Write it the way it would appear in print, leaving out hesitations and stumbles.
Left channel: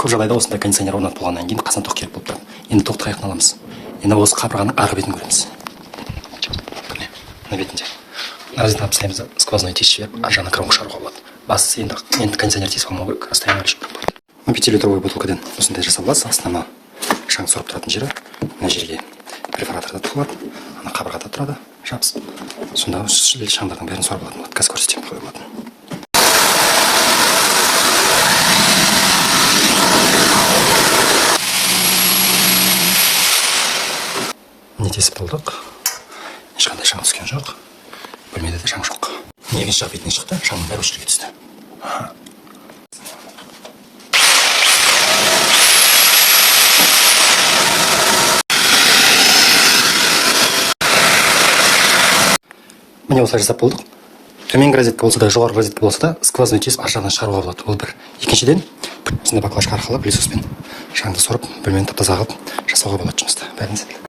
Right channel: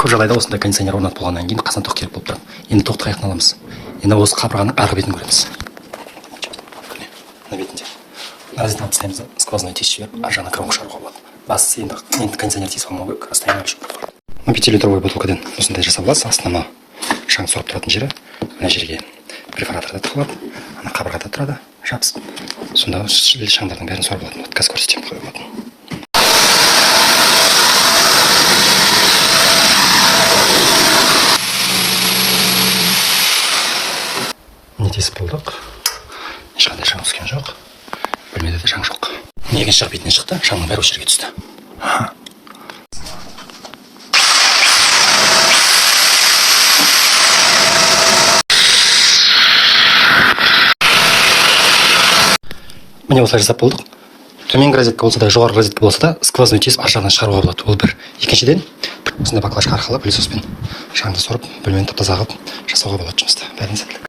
көп жағдайда осындай кондиционер орнатып болғаннан кейін қасына тоқ керек болып тұрады. Енді тоқты қаяқтан аламыз? Енді осы қабырғаның арғы бетін көреміз. Мына бетінде розетка алып тастаймыз да сквозной тесіп жіберіп ар жағына кромка шығаруға болады. Бастысы енді кондиционер тесіп қалмау керек, расстояние алып жүріп болады. 5-литровый бутылкадан осындай жасап аласыз. Астына шаң сорып тұратын жері мына жерге перфораторда тығылады, ана қабырғада тұрады, жабысып. Сонда шаңдардың бәрін сорып алатын болады. Қазір көрсетемін қалай болатынын. Не тесіп болдық. Ешқандай шаң түскен жоқ. Бөлмеде де шаң жоқ. Екінші жақ бетінен шықты, шаңның бәрі осы жерге түсті. Міне осылай жасап болдық. Төменгі розетка болса да, жоғарғы розетка болса да, сквозной тесіп ар жағынан шығаруға болады. Ол бір. Екіншіден, осындай баклажка арқылы пылесоспен шаңды сорып, бөлмені тап-таза қылып жасауға болады жұмысты. Бәріне сәттілік.